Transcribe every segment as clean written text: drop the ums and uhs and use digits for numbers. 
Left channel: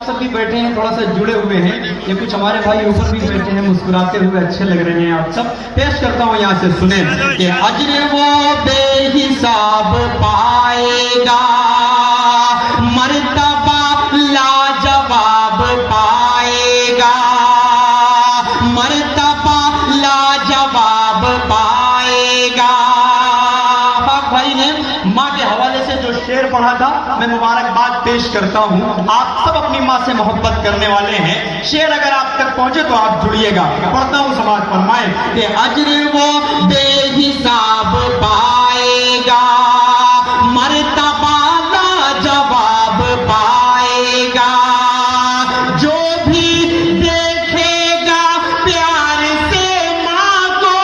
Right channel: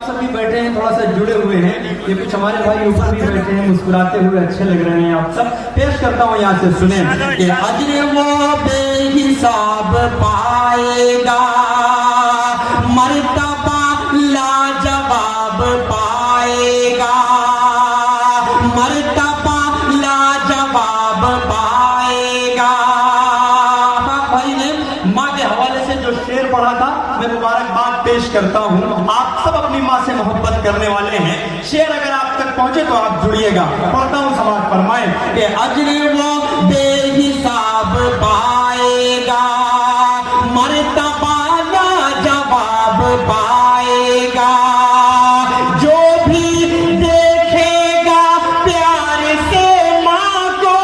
सब भी बैठे हैं, थोड़ा सा जुड़े हुए हैं। ये कुछ हमारे भाई ऊपर भी बैठे हैं, मुस्कुराते हुए अच्छे लग रहे हैं आप सब। पेश करता हूँ यहाँ से, सुने कि अजर वो बेहिसाब पाएगा, मर्तबा लाजवाब पाएगा, मर्तबा लाजवाब पाएगा। भाई ने माँ के हवाले से जो शेर पढ़ा था, मैं मुबारकबाद पेश करता हूँ। आप सब अपनी माँ से मोहब्बत करने वाले हैं। शेर अगर आप तक पहुंचे तो आप जुड़िएगा। पढ़ता हूँ, समाज फरमाए कि अजर वो बेहिसाब पाएगा, मर्तबा लाजवाब पाएगा। जो भी देखेगा प्यार से माँ को,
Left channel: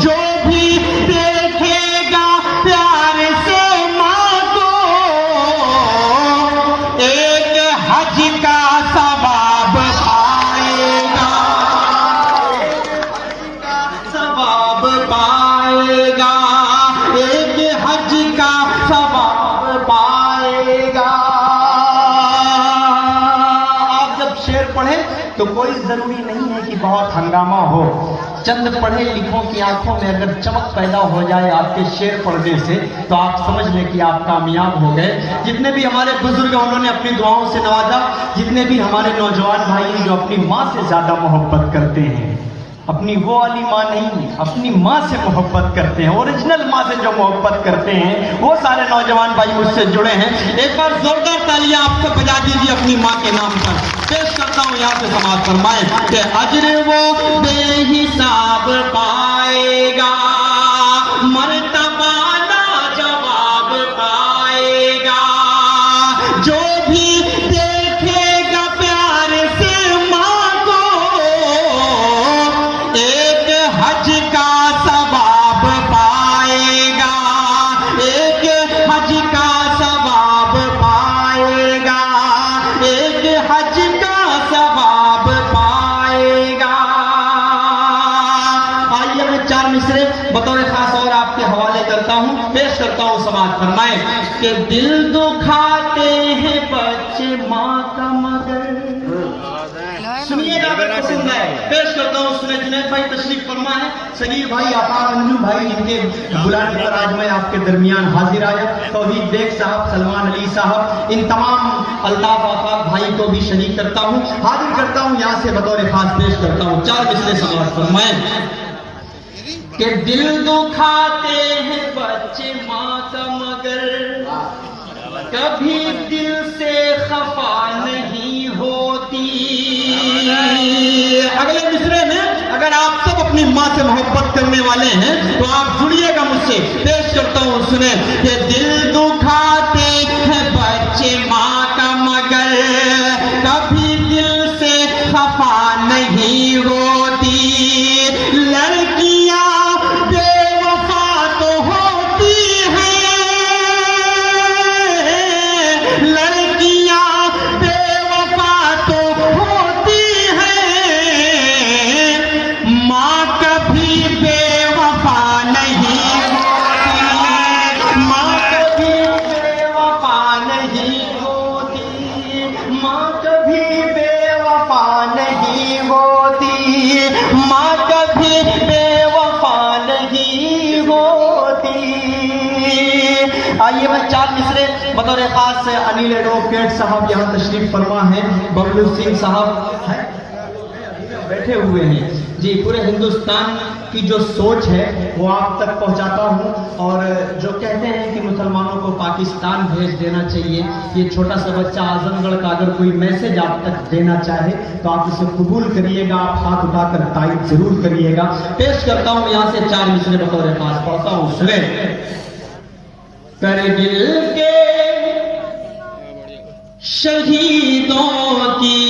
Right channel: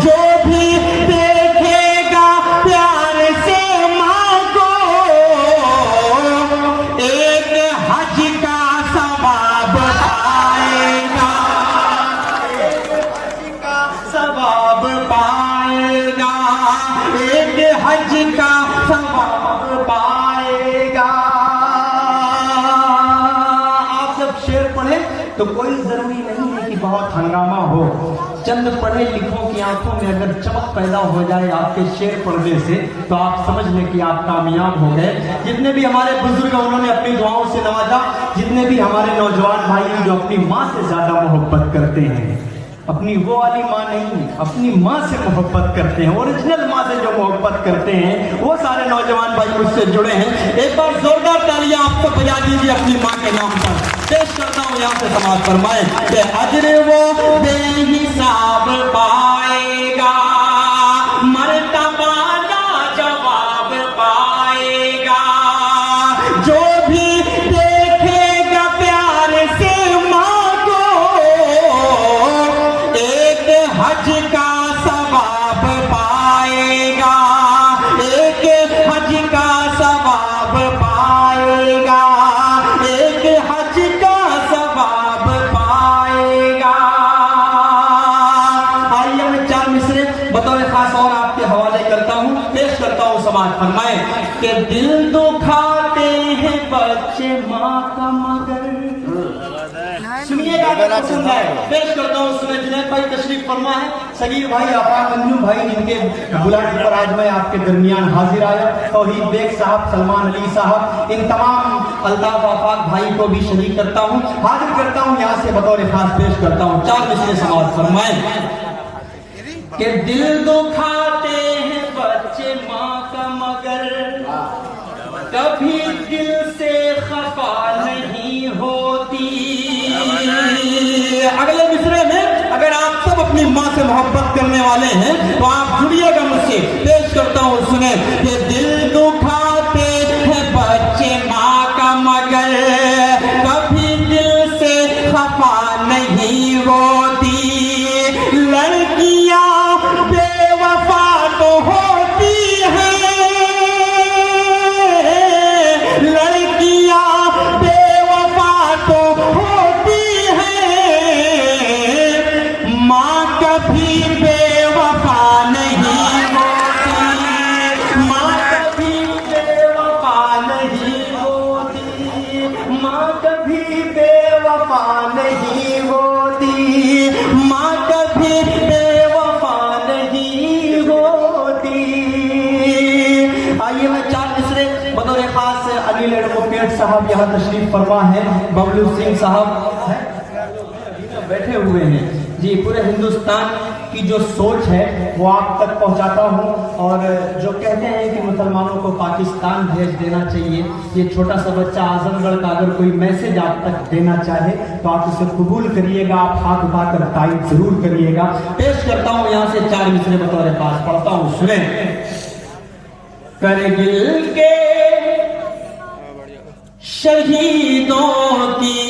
जो भी देखेगा प्यार से माँ को, एक हज का सवाब पाएगा, सवाब पाएगा, एक हज का सवाब पाएगा। आप जब शेर पढ़े तो कोई जरूरी नहीं है कि बहुत हंगामा हो। चंद पढ़े लिखों की आंखों में अगर चमक पैदा हो जाए आपके शेर पढ़ने से, तो आप समझ लें कि आप कामयाब हो गए। जितने भी हमारे बुजुर्ग उन्होंने अपनी दुआओं से नवाजा, जितने भी हमारे नौजवान भाई जो अपनी माँ से ज्यादा मोहब्बत करते हैं, अपनी वो वाली माँ नहीं, अपनी माँ से मोहब्बत करते हैं, ओरिजिनल माँ से जो मोहब्बत करते हैं, वो सारे नौजवान भाई मुझसे जुड़े हैं। एक बार जोरदार तालियां आप तो बजा दीजिए अपनी माँ के नाम पर। पेश करता हूँ यहाँ से, समाज फरमाए कि अजर वो बेहिसाब पाएगा, मर्तबा लाजवाब पाएगा। जो भी देखेगा प्यार से माँ को, एक हज का सवाब पाएगा, एक हज का सवाब पाएगा, एक हज का सवाब पाएगा। आइए मैं चार मिसरे बतौर खास और आपके हवाले करता हूँ, पेश करता हूँ। समाज फरमाए कि दिल दुखाते हैं बच्चे माँ का मगर। सुनिएगा, पसंद है, पेश करता हूँ। सुने जुनैद भाई तशरीफ फरमा है, सगीर भाई, आफाक अंजुम भाई, जिनके बुलाने पर आज मैं आपके दरमियान हाजिर आया, तौहीद बेग साहब, सलमान अली साहब, इन तमाम अल्ताफ आफाक भाई को भी शरीक करता हूँ, हाजिर करता हूँ यहाँ से बतौर खास पेश करता हूँ। चार मिसरे समाज फरमाए कि दिल दुखाते हैं बच्चे माँ का मगर, कभी दिल से खफा नहीं होती। अगले मिसरे में अगर आप सब अपनी माँ से मोहब्बत करने वाले हैं तो आप जुड़िएगा मुझसे। पेश करता हूँ, सुने ये दिल दुखाते हैं बच्चे माँ का मगर, कभी दिल से खफा नहीं होती। लड़कियां बेवफा तो होती हैं, लड़कियां बेवफा तो होती हैं, माँ कभी बेवफा नहीं होती, माँ कभी बेवफा नहीं होती, माँ कभी बेवफा नहीं होती, माँ कभी बेवफा नहीं होती। आइए मैं चार मिसरे बतौर खास से अनिल एडवोकेट साहब यहाँ तशरीफ फरमा है, बबलू सिंह साहब हैं, बैठे हुए हैं जी। पूरे हिंदुस्तान की जो सोच है वो आप तक पहुंचाता हूं, और जो कहते हैं कि मुसलमानों को पाकिस्तान भेज देना चाहिए, ये छोटा सा बच्चा आजमगढ़ का अगर कोई मैसेज आप तक देना चाहे तो आप इसे कबूल करिएगा, आप हाथ उठाकर तारीफ जरूर करिएगा। पेश करता हूं यहाँ से चार मिसरे बतौर खास, पढ़ता हूँ, सुने। करगिल के शहीदों की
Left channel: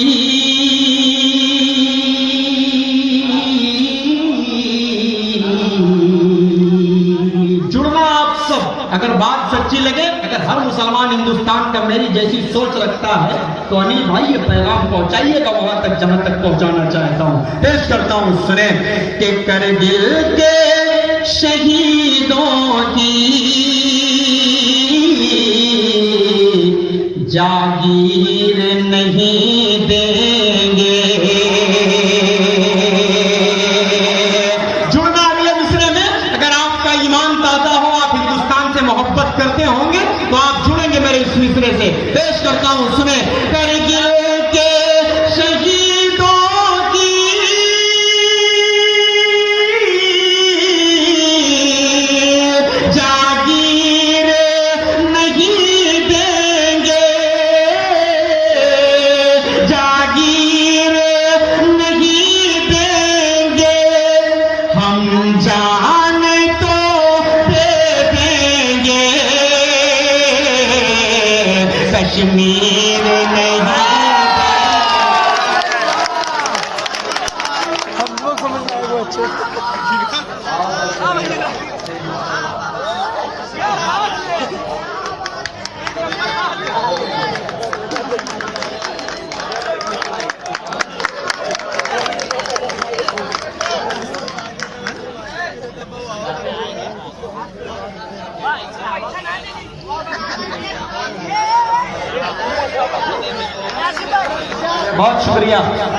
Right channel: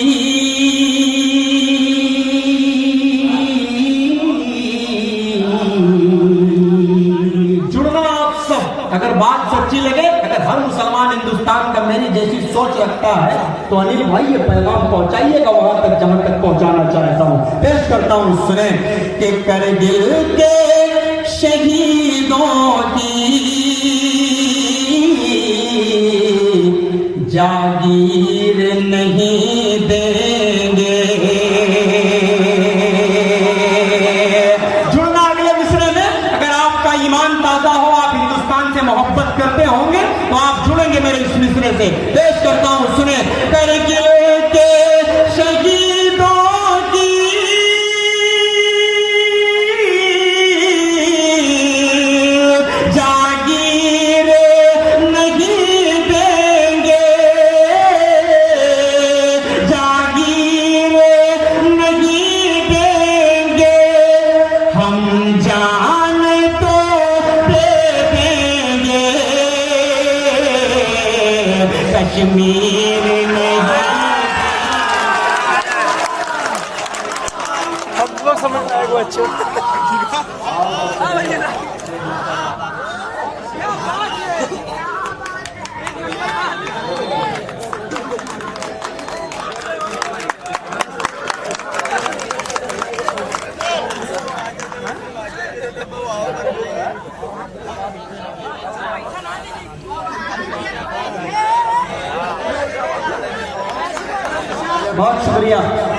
जुड़ना आप सब, अगर बात सच्ची लगे, अगर हर मुसलमान हिंदुस्तान का मेरी जैसी सोच रखता है तो अनिल भाई ये पैगाम पहुंचाइएगा वहां तक जहां तक पहुंचाना चाहता हूं। पेश करता हूं, सुने कि करगिल के शहीदों की जागीर नहीं देंगे। जुड़ना अगले मिसरे में। अगर आपका ईमान ताजा हो, आप हिंदुस्तान से मोहब्बत करते होंगे तो आप जुड़ेंगे मेरे इस मिसरे से। पेश करता हूं, सुने। करगिल के शहीदों की जागीर नहीं देंगे, जागीर नहीं देंगे। हम जान तो दे देंगे, कश्मीर नहीं। क्या बात है, एक नंबर बात है। बहुत शुक्रिया,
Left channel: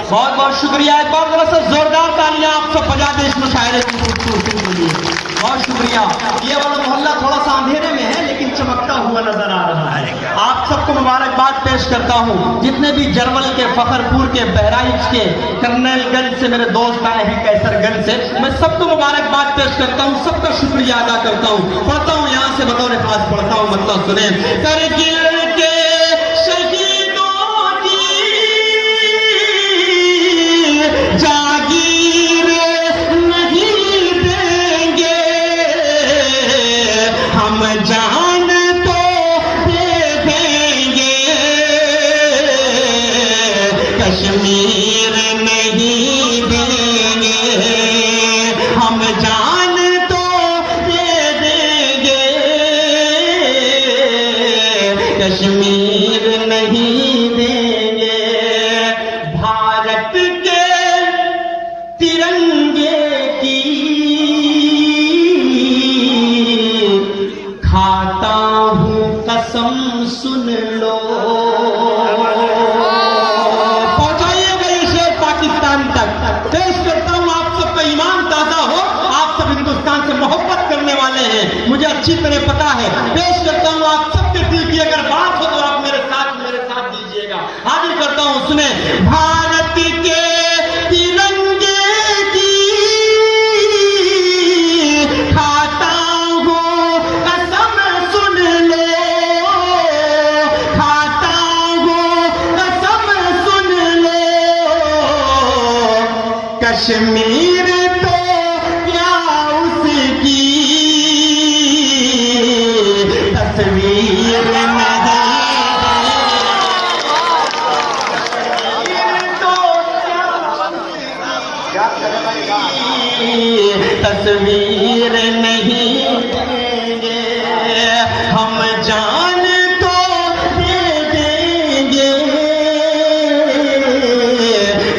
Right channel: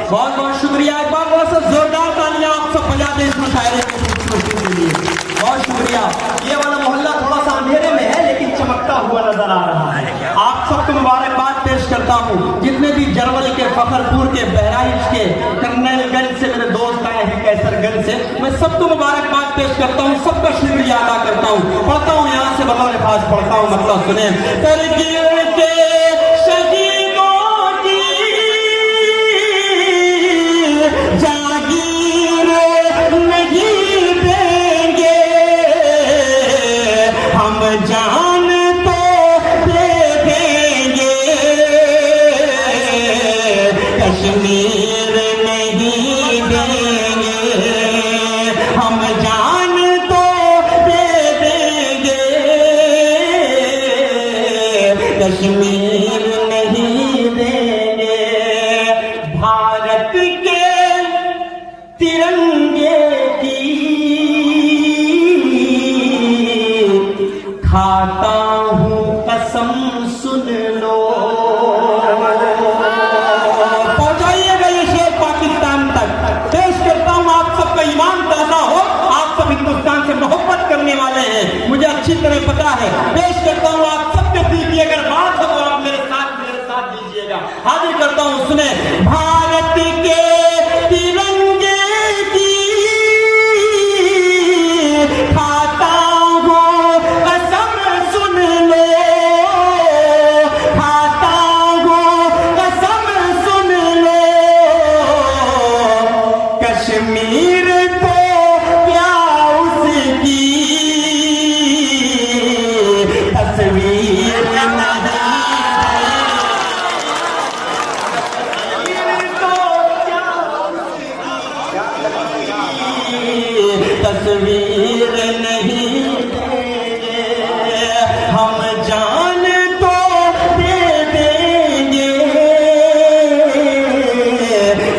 बहुत बहुत शुक्रिया। एक बार जरा सा जोरदार तालियां आप सब बजा दें इस मुशायरे की खूबसूरती के लिए। बहुत शुक्रिया। ये वाला मोहल्ला थोड़ा सा अंधेरे में है लेकिन चमकता हुआ नजर आ रहा है। आप सबको मुबारकबाद पेश करता हूँ। जितने भी जर्मनी के, फखरपुर के, बहराइच के, कर्नलगंज से मेरे दोस्त आए हैं, कैसरगंज से, मैं सबको मुबारकबाद पेश करता हूँ, सबका शुक्रिया अदा करता हूँ। पढ़ता हूँ यहाँ से बतौर खास पढ़ता हूँ, मतलब सुने। करगिल के शहीदों की जागीर नहीं देंगे, हम जान तो दे देंगे, कश्मीर नहीं देंगे। हम जान तो दे देंगे, कश्मीर नहीं देंगे। भारत के तिरंगे की खाता हूँ कसम, सुन लो। पहुंचाइएगा ये शेर पाकिस्तान तक। पेश करता हूँ, आप सबका ईमान ताजा हो, आप सब हिंदुस्तान से मोहब्बत करने वाले हैं, मुझे अच्छी तरह पता है। पेश करता हूँ, आप सबके दिल की अगर बात हो तो आप मेरे साथ दीजिएगा। हाजिर करता हूँ, सुने। भारत के तिरंगे की खाता हूँ कसम, सुन लो। खाता हूँ कसम, सुन लो। कश्मीर तो क्या उसकी तस्वीर तस्वीर नहीं देंगे, हम जान तो दे देंगे,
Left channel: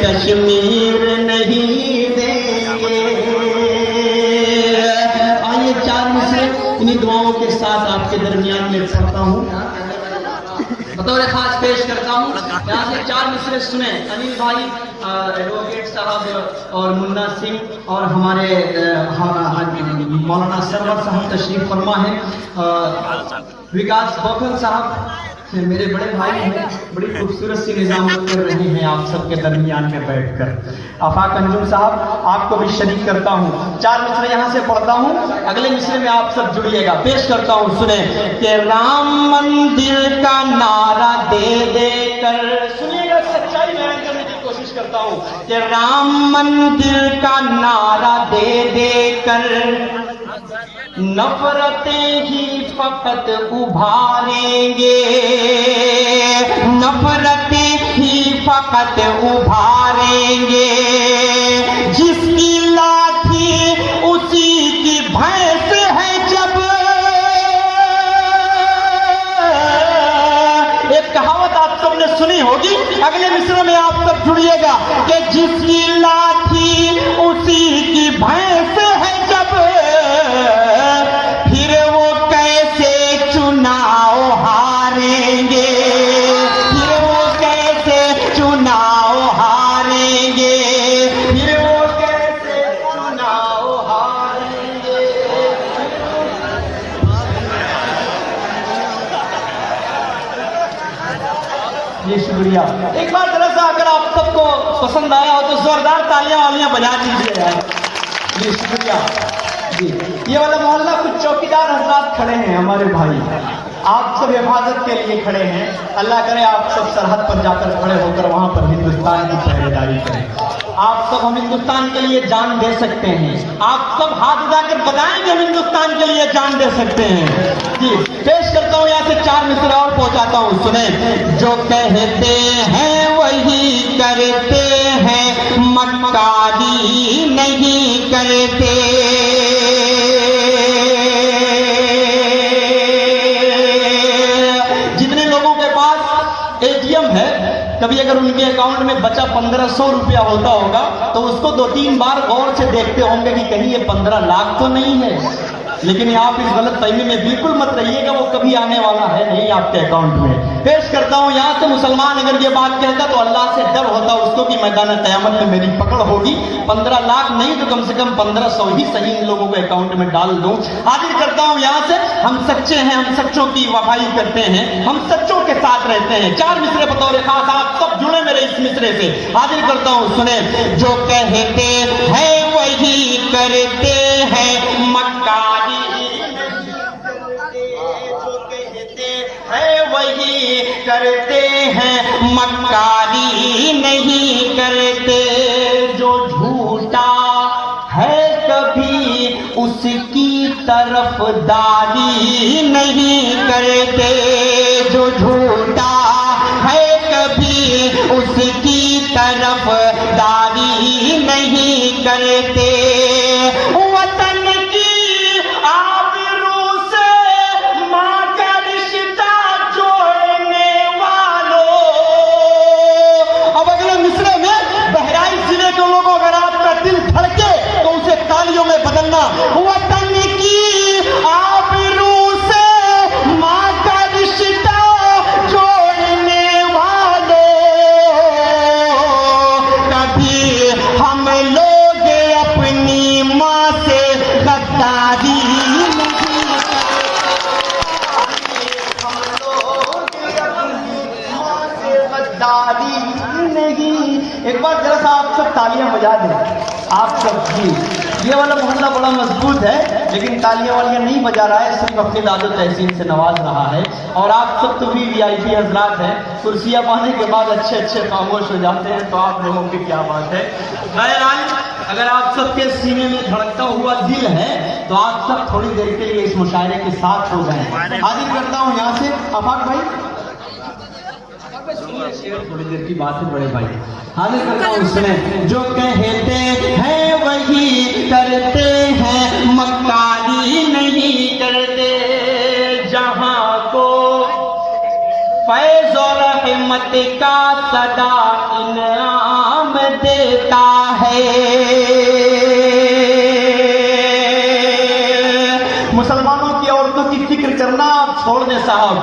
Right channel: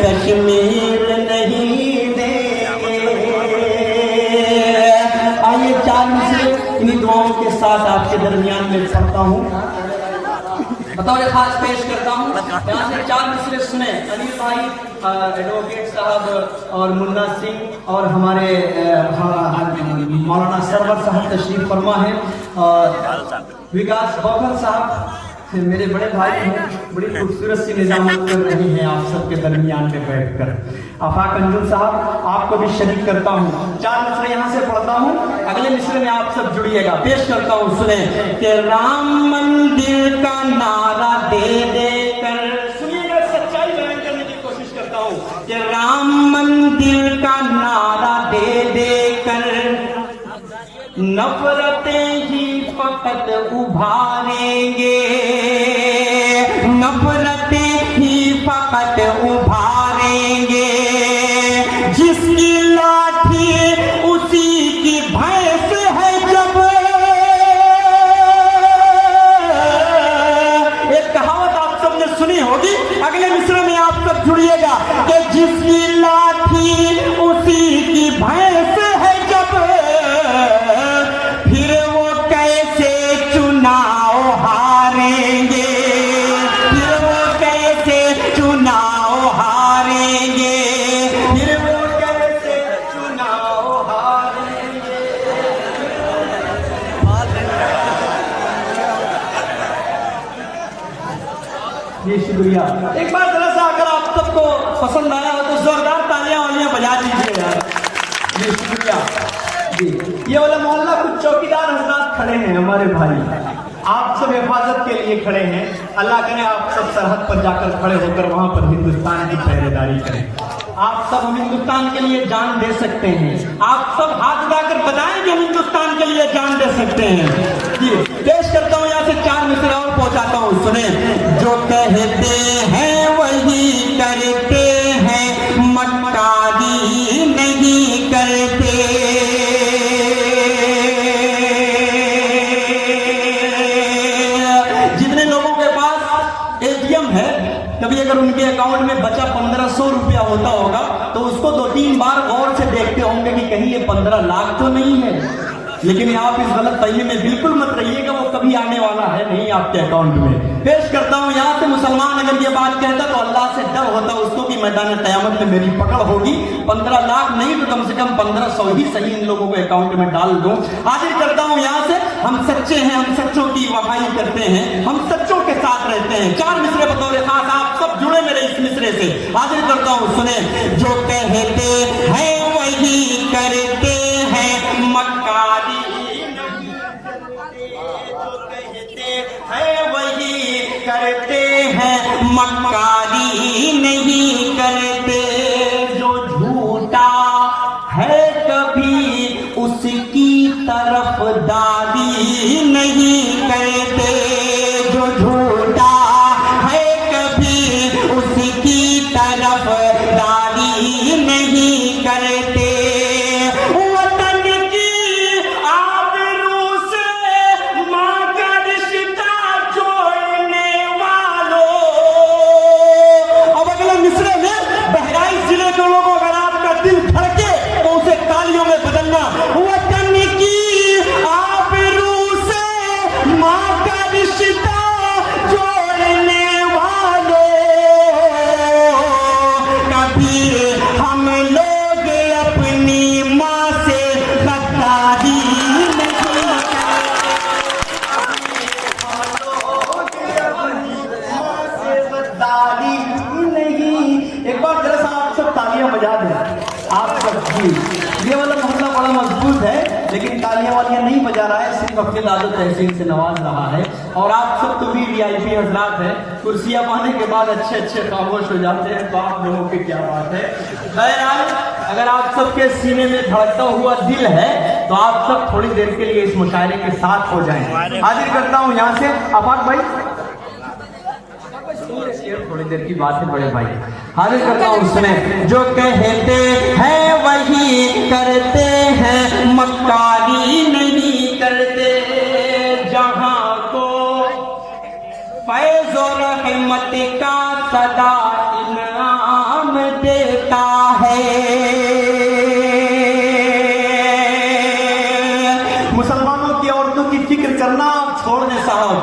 कश्मीर नहीं देंगे। आइए चार में से इन्हीं दुआओं के साथ आपके दरमियान में पढ़ता हूँ, बतौर खास पेश करता हूँ। यहाँ से चार मिसरे सुने। अनिल भाई, एडवोकेट साहब और मुन्ना सिंह और हमारे मौलाना सरवर साहब तशरीफ फरमा है, विकास बखर साहब मेरे बड़े भाई हैं, बड़ी खूबसूरत सी निजामत कर रही हैं आप सबके दरमियान में बैठकर। आफाक अंजुम साहब, आपको भी शरीक करता हूँ। चार मिसरे यहाँ से पढ़ता हूँ, अगले मिसरे में आप सब जुड़िएगा। पेश करता हूँ, सुने। कि राम मंदिर का नारा दे देकर, सुनिएगा, सच्चाई बयान करने की कोशिश करता हूँ। कि राम मंदिर का नारा दे देकर नफरतें ही फकत उभारेंगे, नफरतें ही फकत उभारेंगे। जिसकी लाठी उसी की भैंस है, जब एक कहावत आप सबने सुनी होगी, अगले मिसरे में आप सब जुड़िएगा। कि जिसकी लाठी उसी की भैंस है, जब फिर वो कैसे चुनाव हारेंगे, जी शुक्रिया। एक बार जरा सा अगर आप सबको पसंद आया हो तो जोरदार तालियां वालियां बजा दीजिए यार। जी शुक्रिया जी। ये वाला मोहल्ला कुछ चौकीदार हजरात खड़े हैं हमारे भाई, आप सब हिफाजत के लिए खड़े हैं। अल्लाह करे आप सब सरहद पर जाकर खड़े होकर वहां पर हिंदुस्तान की पहरेदारी करें। आप सब हम हिंदुस्तान के लिए जान दे सकते हैं। आप सब हाथ उठाकर बताएं कि हम हिंदुस्तान के लिए जान दे सकते हैं। जी पेश करता हूँ यहाँ से 4 मिसरा और पहुंचाता हूँ, सुने। जो कहते हैं वही करते हैं, मक्कारी नहीं करते। जितने लोगों के पास एटीएम है, कभी अगर उनके अकाउंट में बचा 1500 रुपया होता होगा तो उसको 2-3 बार गौर से देखते होंगे कि कहीं ये 15 लाख तो नहीं है। लेकिन आप इस गलत फहमी में बिल्कुल मत रहिएगा, वो कभी आने वाला है नहीं आपके अकाउंट में। पेश करता हूं यहाँ से, मुसलमान अगर ये बात कहता तो अल्लाह से डर होता उसको कि मैदान क़यामत में मेरी पकड़ होगी। 15 लाख नहीं तो कम से कम 1500 ही सही इन लोगों को अकाउंट में डाल दूं। हाजिर करता हूं यहाँ से, हम सच्चे हैं, हम सच्चों की वफाई करते हैं, हम सच्चों के साथ रहते हैं। 4 मिसरे बतौर खास, आप सब जुड़े मेरे इस मिसरे से। हाजिर करता हूं, सुने। जो कहते हैं वही करते हैं, मक्कारी जो कहते हैं वही करते हैं, मक्कारी नहीं करते। जो झूठा है कभी उसकी तरफदारी नहीं करते। जो झूठा है कभी उसकी तरफदारी नहीं करते। वतन की आबरू से मां का रिश्ता जोड़ने वालों। अब अगले मिसरे में बहराइच जिले के लोगों, अगर आपका दिल धड़के तो उसे तालियों में बदलना। वतन की आबरू से मां का रिश्ता जोड़ने वालों, कभी हम लोग अपनी माँ से गद्दारी नहीं। एक बार जरा सा आप सब तालियां बजा दें, आप सब जी। ये वाला मोहल्ला बड़ा मजबूत है लेकिन तालियां वालियां नहीं बजा रहा है, सिर्फ अपने दादो तहसीन से नवाज रहा है। और आप सब तो भी VIP हजरात हैं, कुर्सियां पाने के बाद अच्छे अच्छे खामोश हो जाते हैं, तो आप लोगों की क्या बात है। बहरहाल अगर आप सबके सीने में धड़कता हुआ दिल है तो आप सब थोड़ी देर के लिए इस मुशायरे के साथ हो जाएं। हाजिर करता हूं यहाँ से अफाक भाई, थोड़ी देर की बात है बड़े भाई। हाजिर करता हूं उसमें। जो कहते हैं वही करते हैं, मक्कारी नहीं करते। जहां को फैज़ और रहमत का सदा इनाम देता है। मुसलमानों की औरतों की फिक्र करना आप छोड़ दें साहब।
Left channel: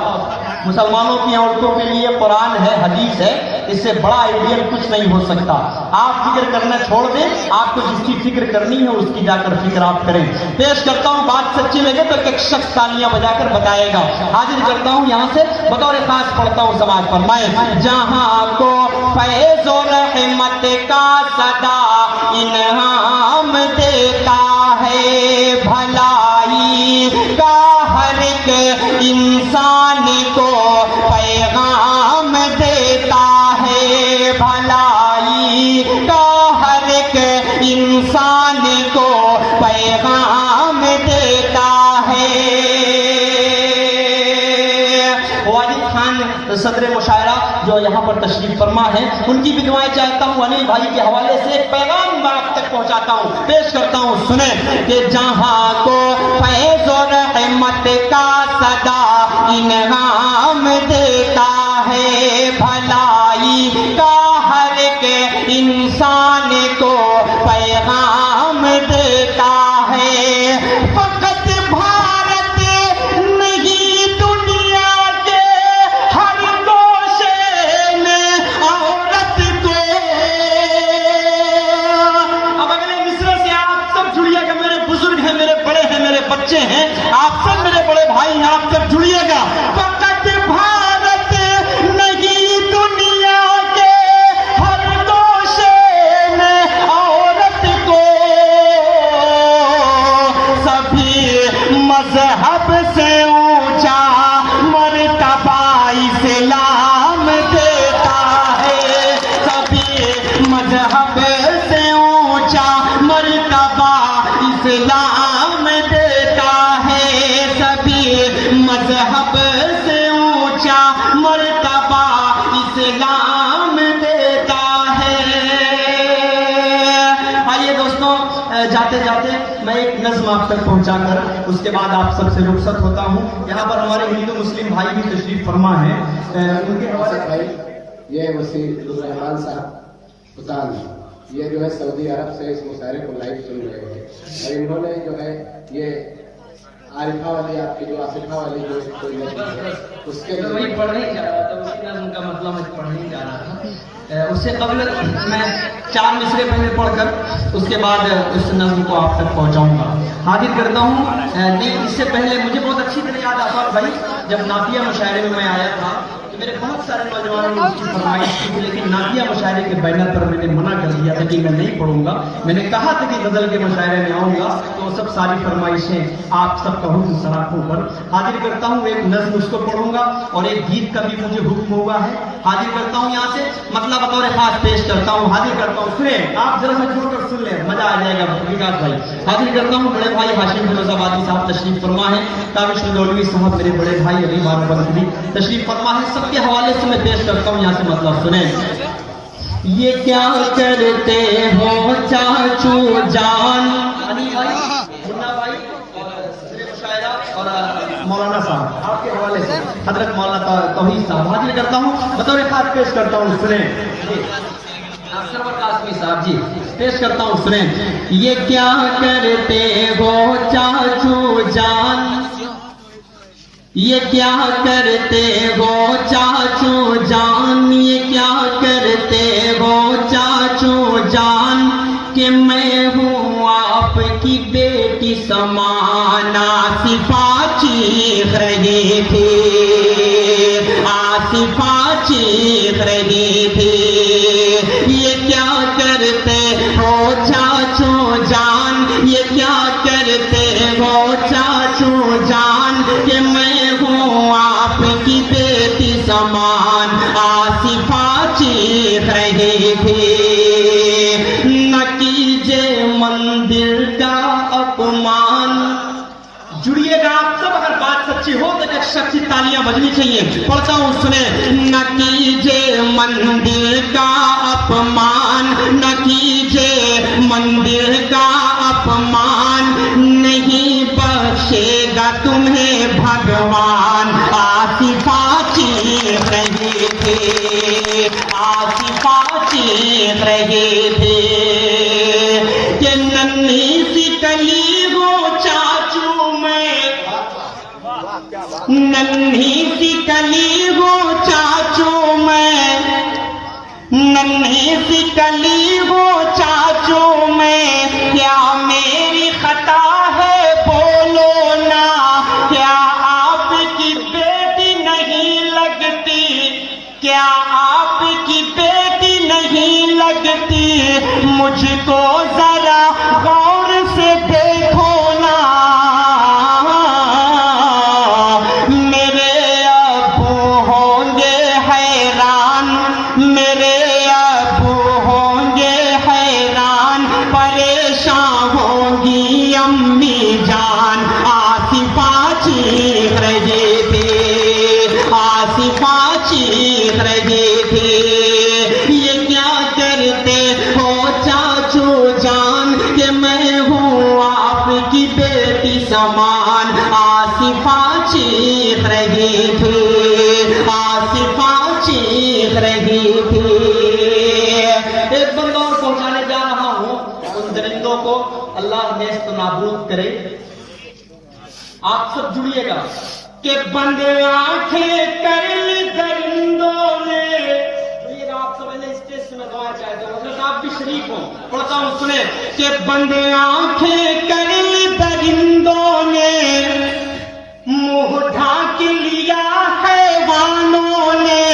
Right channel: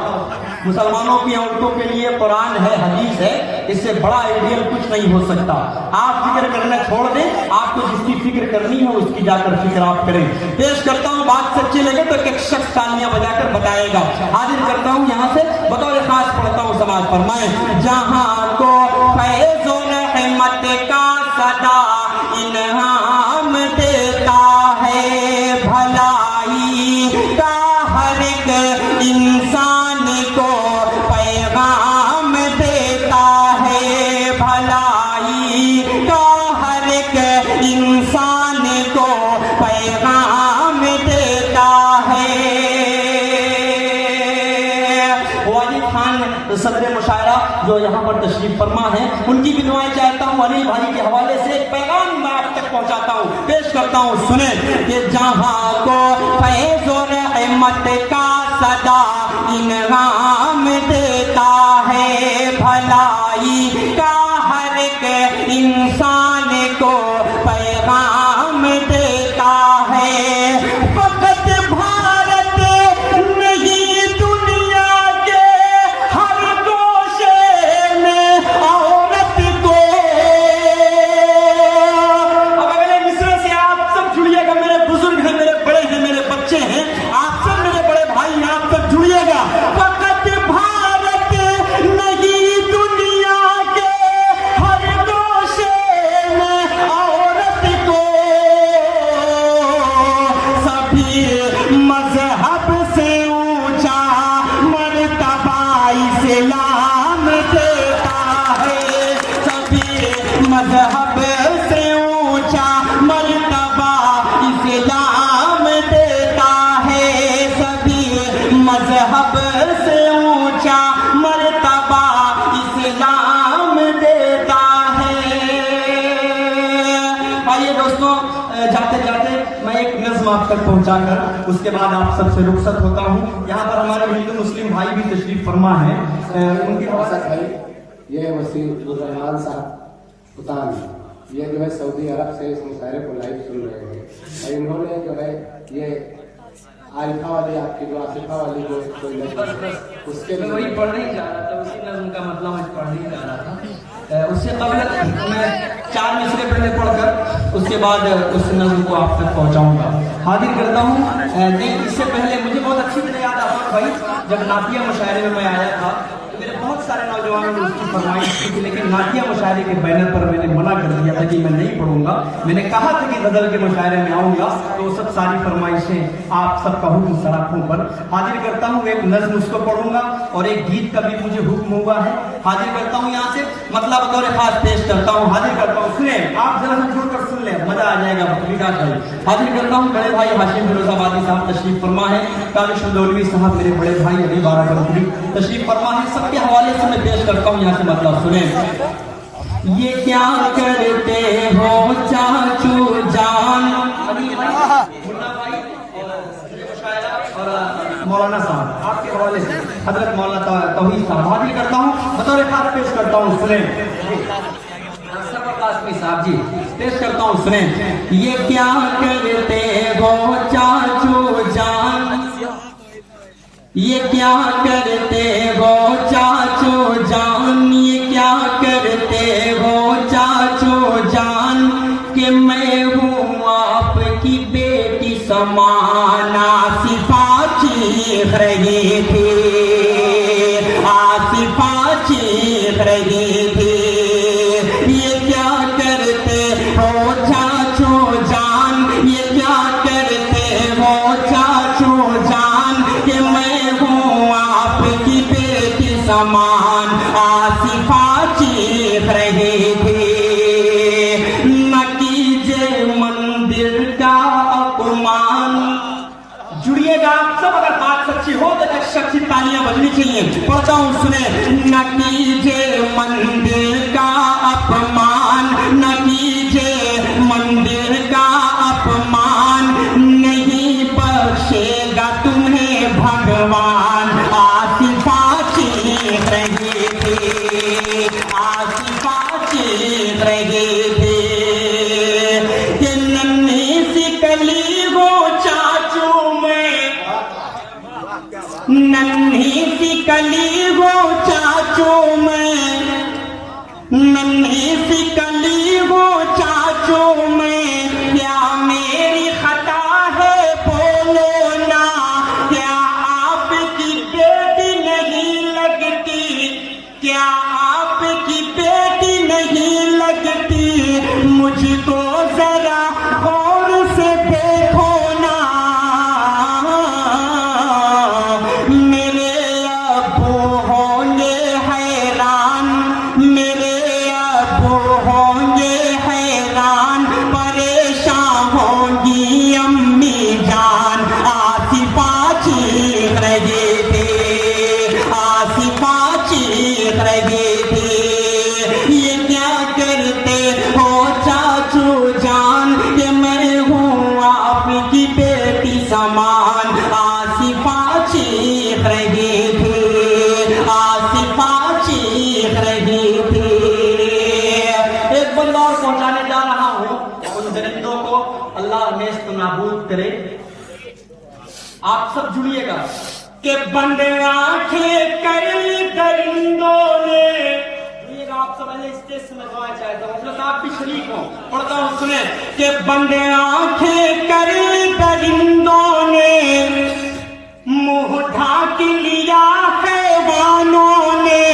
मुसलमानों की औरतों के लिए कुरान है, हदीस है, इससे बड़ा आइडियल कुछ नहीं हो सकता। आप फिक्र करना छोड़ दें, आपको जिसकी फिक्र करनी है उसकी जाकर फिक्र आप करें। पेश करता हूं, बात सच्ची लगे तो एक शख्स तालियां बजाकर बताएगा। हाजिर करता हूं यहाँ से, बतौर खास पढ़ता हूं, समाज फरमाए। जहां को फैज़ और रहमत का सदा इनाम देता है, भलाई का हर एक इंसान को पैगाम देता है। भलाई का हर एक इंसान को पैगाम देता है। वाजिद खान सदर मुशायरा जो यहाँ पर तशरीफ फरमा है, उनकी भी दुआएं चाहता हूँ। अनिल भाई के हवाले से एक पैगाम आप तक पहुँचाता हूँ, पेश करता हूँ, सुने। कि जहाँ को फैज़ और रहमत का सदा इनाम देता है, भलाई का हर एक इंसान को पैगाम देता है। फकत भारत नहीं, दुनिया के हर कोशे में औरत को। अब अगले मिसरे से आप सब जुड़िएगा, मेरे बुजुर्ग हैं, मेरे मजहब से ऊंचा मर्तबा इस्लाम देता है। आइए दोस्तों, जाते जाते मैं एक नज्म आप तक पहुंचाकर उसके बाद आप सबसे रुखसत होता हूँ। यहाँ पर हमारे हिंदू मुस्लिम भाई भी तशरीफ फरमा है। उनके भाई ये वसीम साहब उतान, ये जो है सऊदी अरब से इस मुशायरे को लाइव सुन रहे हैं। इन्होंने जो है ये आरिफा वाली आपकी जो आसिफा वाली जो उसके वही पढ़ नहीं जा रहा था, उसी नज्म का मतलब मैं पढ़ नहीं जा रहा था। उससे कबल मैं 4 मिसरे पहले पढ़कर उसके बाद उस नज्म को आप तक पहुंचाऊंगा, हाजिर करता हूँ। नहीं, इससे पहले मुझे बहुत अच्छी तरह याद आता है भाई, जब नातिया मुशायरे में मैं आया था तो मेरे बहुत सारे नौजवानों ने उसकी फरमाइश की थी, लेकिन नातिया मुशायरे के बैनर पर मैंने मना कर दिया था कि मैं नहीं पढ़ूंगा। मैंने कहा था कि गजल के मुशायरे में आऊंगा तो सब सारी फरमाइशें आप सबका हुक्म सराखों पर हाजिर करता हूँ। एक नज्म उसको पढ़ूंगा और एक गीत का भी मुझे हुक्म हुआ है, हाजिर करता हूँ। यहाँ से मतलब बतौर खास पेश करता हूँ, हाजिर करता हूँ। सुने, आप जरा सा जुड़कर सुन ले, मजा आ जाएगा विकास भाई। हाजिर करता हूँ बड़े भाई हाशिम फिरोजाबादी साहब तशरीफ फरमा है, कामिश मौलवी साहब मेरे बड़े भाई अली बाराबंकी तशरीफ फरमा है। सबके हवाले से मैं पेश करता हूँ, यहाँ से मतलब सुने। ये क्या करते हो चाचू जान, अली भाई, मुन्ना भाई और मौलाना साहब आपके हवाले से हजरत मौलाना तौहीद साहब हाजिर करता हूँ, बतौर खास पेश करता हूँ। सुने साहब जी, पेश करता हूँ, सुने। ये क्या करते हो चाचू जान, ये क्या करते हो चाचू जान, ये क्या करते हो चाचू जान, कि मैं हूँ आपकी बेटी समान। आसिफा चीख रही थी, आसिफा चीख रही थी। ये क्या करते हो चाचू जान, ये क्या करते हो चाचू जान, कि मैं हूँ आपकी बेटी समान। आसिफा चीख रही थी। न कीजिए मंदिर का अपमान, जुड़िएगा आप सब, अगर बात सच्ची हो तो एक सच्ची तालियां बजनी चाहिए। पढ़ता हूँ, सुने। न कीजिए मंदिर का अपमान, न कीजिए मंदिर का अपमान, नहीं बख्शेगा तुम्हें भगवान। आसिफा चीख रही थी, आसिफा चीख रही थी। कि नन्ही सी कली वो चाचू में, नन्ही सी कली वो चाचू में, नन्ही सी कली वो चाचू में, क्या मेरी खता है बोलो ना, क्या आपकी बेटी नहीं लगती, क्या आपकी बेटी नहीं लगती, मुझको जरा गौर से देखो ना। मेरे अब्बू होंगे हैरान, मेरे अब्बू होंगे हैरान, परेशान होंगी अम्मी जान। आसिफा चीख रही थी, आसिफा चीख रही थी। ये क्या करते हो चाचू जान, कि मैं हूँ आपकी बेटी समान। आसिफा चीख रही थी, आसिफा चीख रही थी। एक बंदा और पहुंचाने जा रहा हूँ, उन दरिंदों को अल्लाह नेस्त नाबूद करे। आप सब जुड़िएगा। कि बंद आंखें कर ली दरिंदों ने, जुड़िएगा आप सब, पहले स्टेज से मैं दुआ चाहता हूँ, उसमें आप भी शरीक हो। पढ़ता हूँ, सुने। कि बंद आंखें कर ली दरिंदों ने, मुंह ढाक लिया हैवानों ने।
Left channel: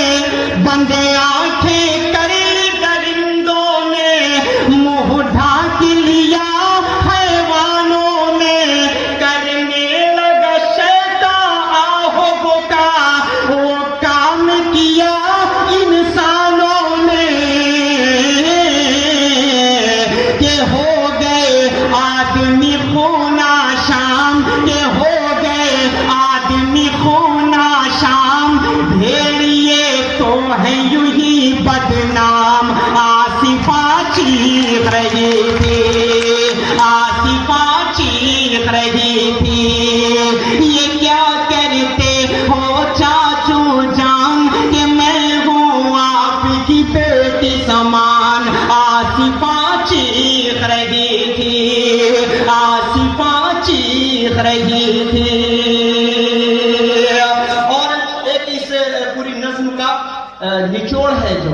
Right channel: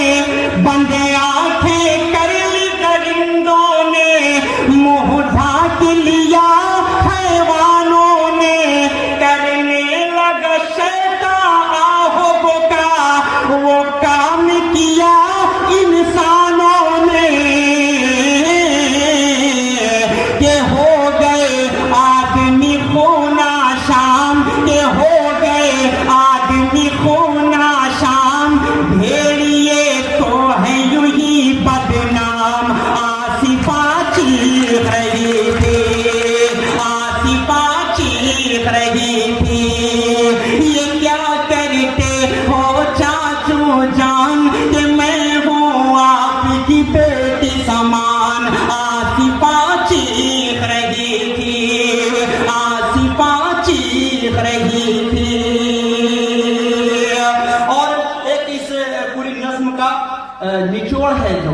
बंद आंखें कर ली दरिंदों ने, मुंह ढाक लिया हैवानों ने। करने लगा शैतान आहो वो काम किया इंसानों ने। के हो गए आदमी खूना शाम, के हो गए आदमी खून निचोड़ है जो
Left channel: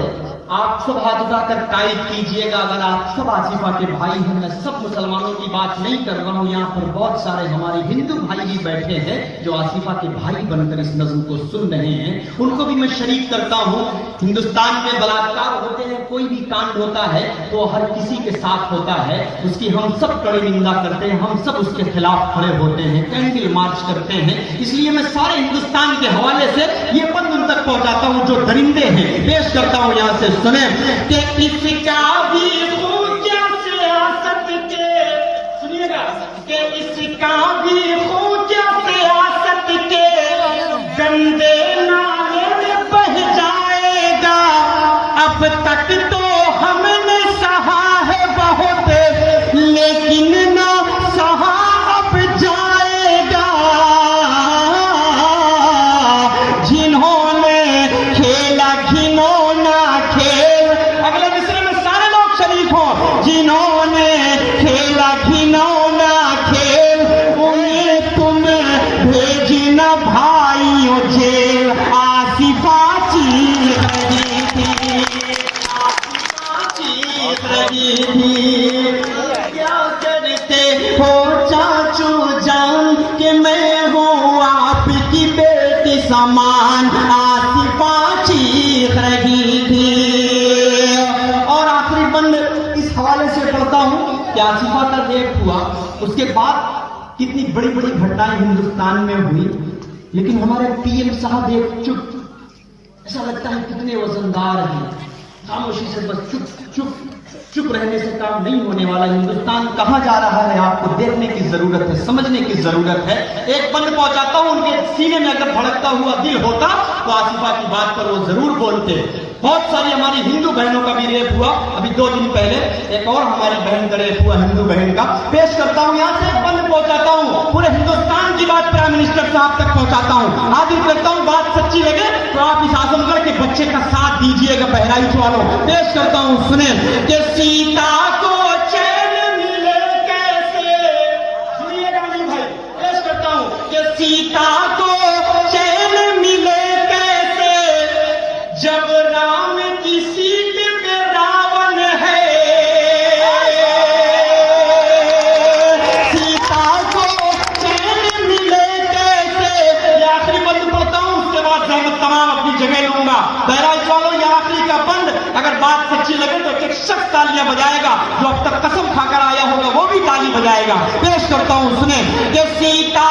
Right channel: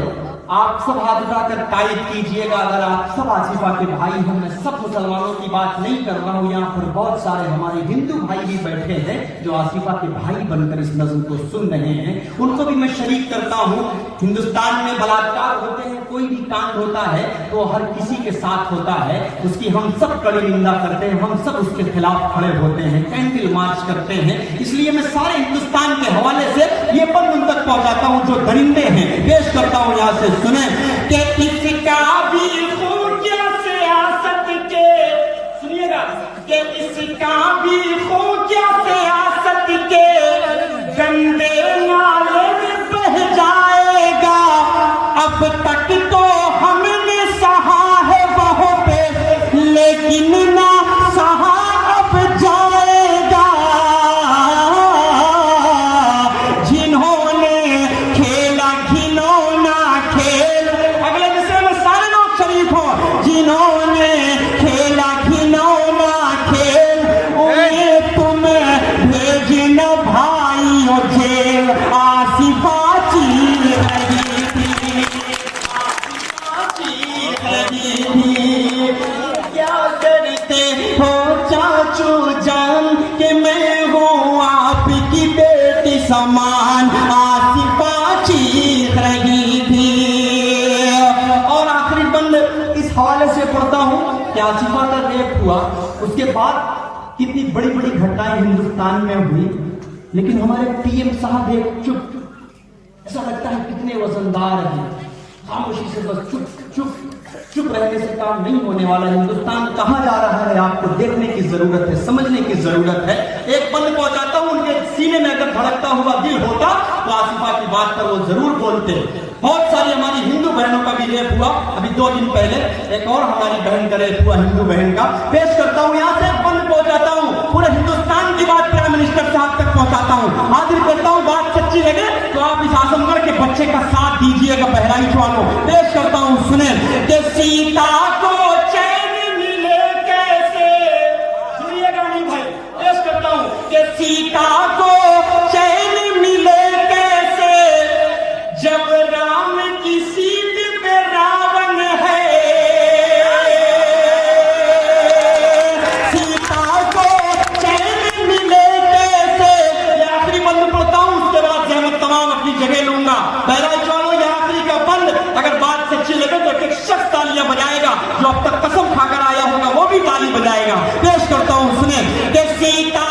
आप सब हाथ उठाकर टाइप कीजिएगा। अगर आप सब आसिफा के भाई हैं, मैं सब मुसलमानों की बात नहीं कर रहा हूँ, यहाँ पर बहुत सारे हमारे हिंदू भाई भी बैठे हैं जो आसिफा के भाई बनकर इस नज़्म को सुन रहे हैं, उनको भी मैं शरीक करता हूँ। हिंदुस्तान में बलात्कार होते हैं, कोई भी कांड होता है तो हर किसी के साथ होता है, उसकी हम सब कड़ी निंदा करते हैं, हम सब उसके खिलाफ खड़े होते हैं, कैंडल मार्च करते हैं। इसलिए मैं सारे हिंदुस्तान के हवाले से ये पद उन तक पहुंचाता हूँ जो दरिंदे हैं, पेश करता हूँ यहाँ से। सुने कि इसका भी ऊंचा सियासत के, सुनिएगा कि इसका भी ऊंचा सियासत के गंदे नाले में बह जाएगा। अब तक तो हमने सहा है बहुत, लेकिन ना सहा अब जाएगा। जिन्होंने खेला घिनौना खेल, अगले विषय में सारे लोग शरीक हो, जिन्होंने खेला घिनौना खेल, उन्हें तुम्हें भेजना भाइयों जेल। आसिफा चीर रही थी, आसिफा चीर रही थी। क्या करते हो चाचू जान कि मैं हूँ आपकी बेटी समान। आसिफा चीख रही थी। और आखिरी बंद इस हवाले से पढ़ता हूँ कि आसिफा का रेप हुआ, उसके बाद कितनी बड़ी बड़ी घटनाएं हिंदुस्तान में हुई, लेकिन हमारे पीएम साहब एक चुप, ऐसा लगता है कितने वजनदार हैं, खामोशी से बस चुप चुप चुप रहने से काम नहीं होने वाला। हिंदुस्तान कहाँ जा रहा है आपको देखने की जरूरत है, समझने की जरूरत है। एक बंद पहुंचाता हूँ, उनके सीने में अगर भड़कता हुआ दिल होता तो आसिफा की बात पर वो जरूर बोलते। बहुत सारी हमारी हिंदू बहनों का भी रेप हुआ, अभी 2 दिन पहले एक और हमारी बहन का रेप हुआ, हिंदू बहन का। पेश करता हूँ यहाँ से, एक बंद पहुंचाता हूँ, पूरे हिंदुस्तान की बात प्राइम मिनिस्टर साहब तक पहुंचाता हूँ। हाजिर करता हूँ, बात सच्ची लगे तो आप इस आजमगढ़ के बच्चे का साथ दीजिएगा, बहराइच वालों। पेश करता हूँ, सुने कि सीता को चैन मिले कैसे, सुनिएगा नहीं भाई, पेश करता हूँ कि सीता को चैन मिले कैसे, जब राम की सीट पे रावण है। सीता को चैन मिले कैसे, ये आखिरी बंद पढ़ता हूँ, उसके बाद जहमत तमाम अपनी जगह लूंगा। बहराइच वालों, ये आखिरी का बंद, अगर बात सच्ची लगे तो एक शख्स तालियां बजाएगा, जो अब तक कसम खाकर आया होगा वो भी ताली बजाएगा। पेश करता हूँ, सुने कि सीता